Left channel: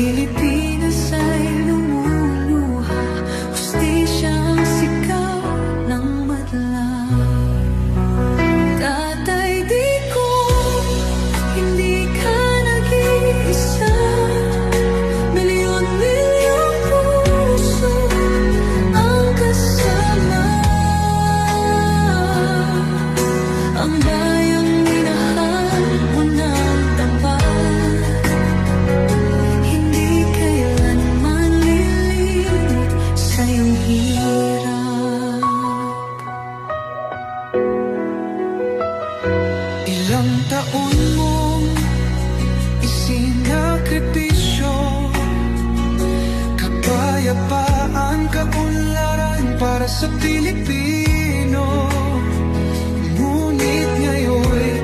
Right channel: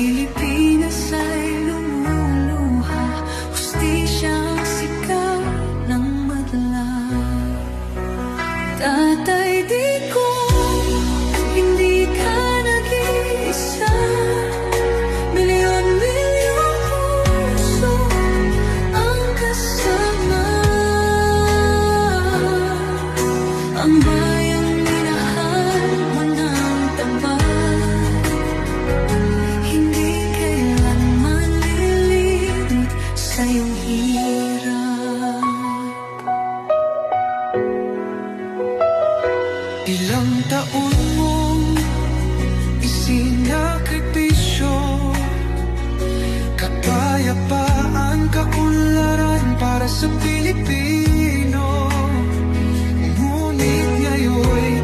Pilipinas ay lumuluha, hustisyang sigaw ng madla. Tatay, di ko hindi ka nag-iisa. Milyon-milyong puso ang kasama. Ang bayang minahal mo ng tapat, hindi kailanman lilimot sa iyong hirap. Ilang taon mong isinakripisyo, kapayapaan, kaunlaran para sa Pilipino. Ngunit ngayon'y